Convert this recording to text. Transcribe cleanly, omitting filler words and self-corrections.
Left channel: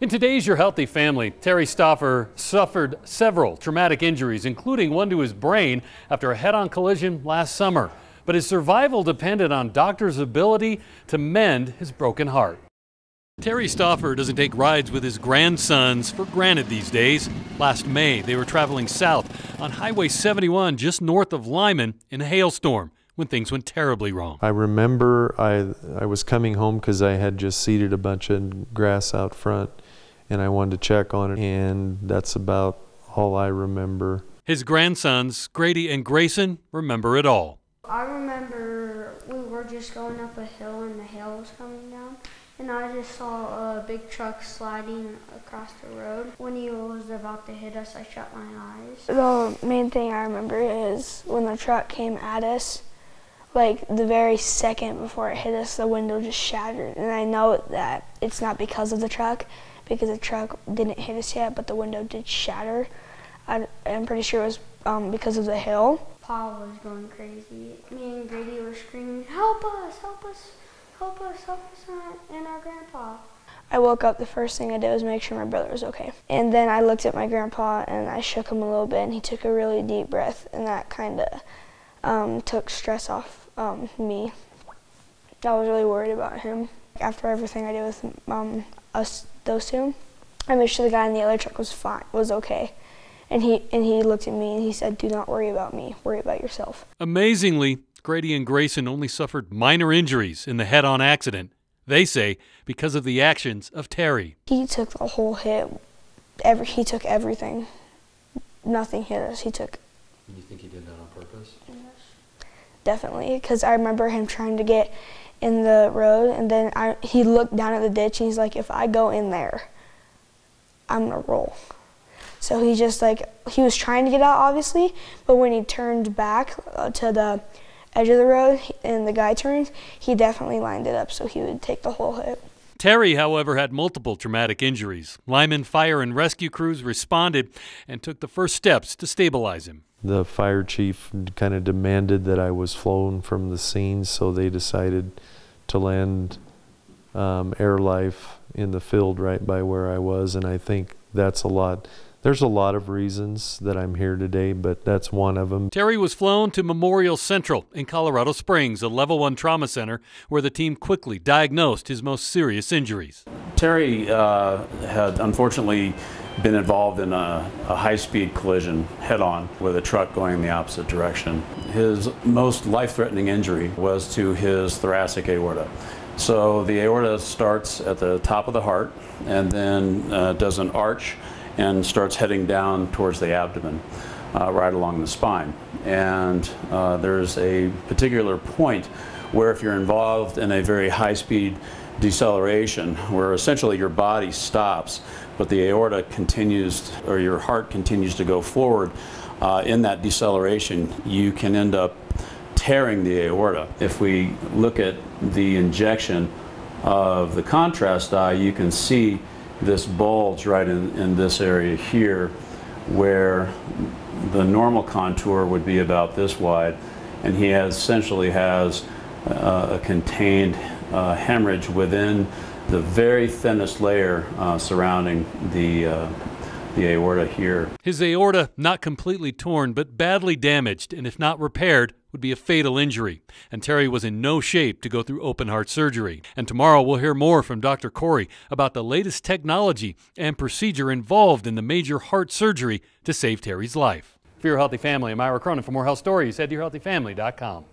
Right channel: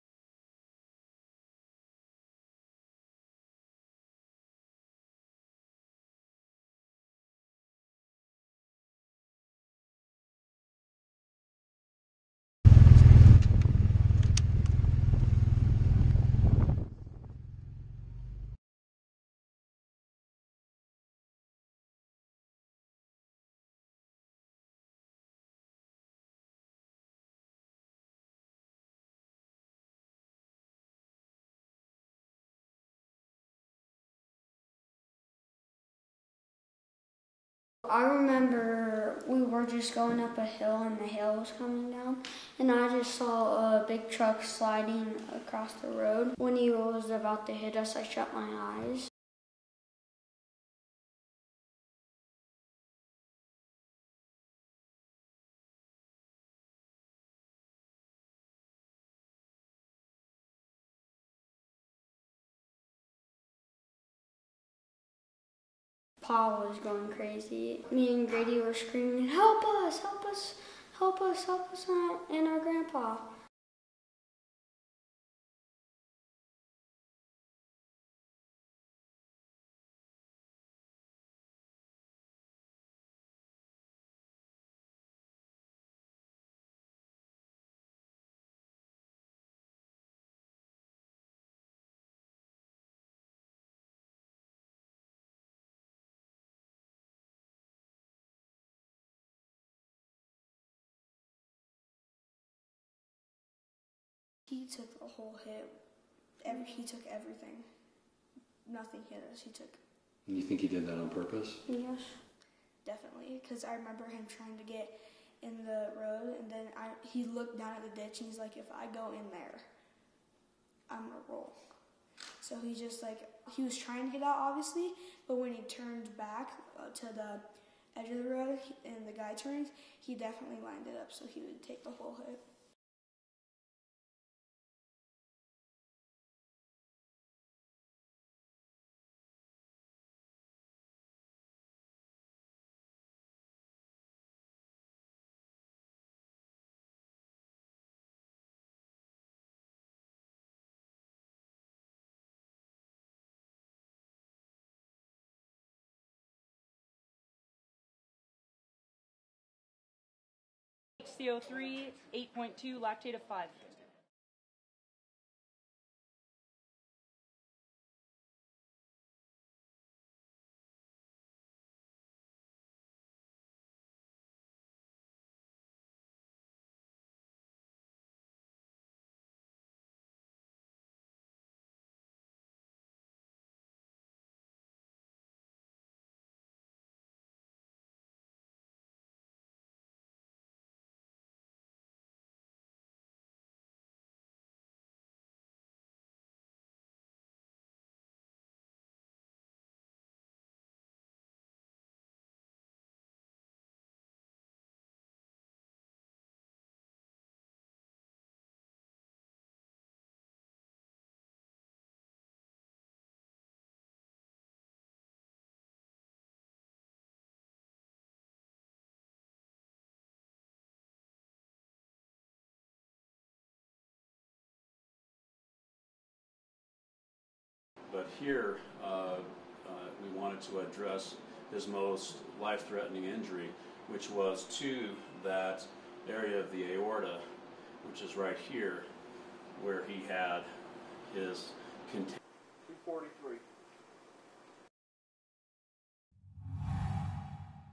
In today's Your Healthy Family, Terry Stauffer suffered several traumatic injuries, including one to his brain after a head-on collision last summer. But his survival depended on doctors' ability to mend his broken heart. Terry Stauffer doesn't take rides with his grandsons for granted these days. Last May, they were traveling south on Highway 71 just north of Lyman in a hailstorm when things went terribly wrong. I remember I was coming home because I had just seeded a bunch of grass out front and I wanted to check on it, and that's about all I remember. His grandsons, Grady and Grayson, remember it all. I remember we were just going up a hill and the hail was coming down, and I just saw a big truck sliding across the road. When he was about to hit us, I shut my eyes. The main thing I remember is when the truck came at us, like the very second before it hit us, the window just shattered. And I know that it's not because of the truck, because the truck didn't hit us yet, but the window did shatter. I'm pretty sure it was because of the hail. Pa was going crazy. Me and Grady were screaming, "Help us, help us, help us, help us," and our grandpa. I woke up, the first thing I did was make sure my brother was okay. And then I looked at my grandpa and I shook him a little bit, and he took a really deep breath, and that kind of took stress off me. I was really worried about him. After everything I did with those two, I made sure the guy in the other truck was fine, was okay. And he looked at me and he said, "Do not worry about me, worry about yourself." Amazingly, Grady and Grayson only suffered minor injuries in the head-on accident. They say because of the actions of Terry. He took the whole hit. He took everything. Nothing hit us. He took. You think he did that on purpose? Yes. Definitely, because I remember him trying to get in the road, and then he looked down at the ditch and he's like, "If I go in there, I'm gonna roll." So he just he was trying to get out, obviously, but when he turned back to the edge of the road and the guy turned, he definitely lined it up so he would take the whole hit. Terry, however, had multiple traumatic injuries. Lyman fire and rescue crews responded and took the first steps to stabilize him. The fire chief kind of demanded that I was flown from the scene, so they decided to land air life in the field right by where I was, and I think that's a lot. There's a lot of reasons that I'm here today, but that's one of them. Terry was flown to Memorial Central in Colorado Springs, a level 1 trauma center, where the team quickly diagnosed his most serious injuries. Terry had unfortunately been involved in a high-speed collision head-on with a truck going in the opposite direction. His most life-threatening injury was to his thoracic aorta. So the aorta starts at the top of the heart and then does an arch and starts heading down towards the abdomen, right along the spine. And there's a particular point where if you're involved in a very high-speed deceleration, where essentially your body stops, but the aorta continues, or your heart continues to go forward, in that deceleration, you can end up tearing the aorta. If we look at the injection of the contrast dye, you can see this bulge right in this area here, where the normal contour would be about this wide, and he essentially has a contained hemorrhage within the very thinnest layer surrounding the aorta here. His aorta not completely torn, but badly damaged, and if not repaired, would be a fatal injury. And Terry was in no shape to go through open heart surgery. And tomorrow we'll hear more from Dr. Corey about the latest technology and procedure involved in the major heart surgery to save Terry's life. For Your Healthy Family, I'm Ira Cronin. For more health stories, head to yourhealthyfamily.com.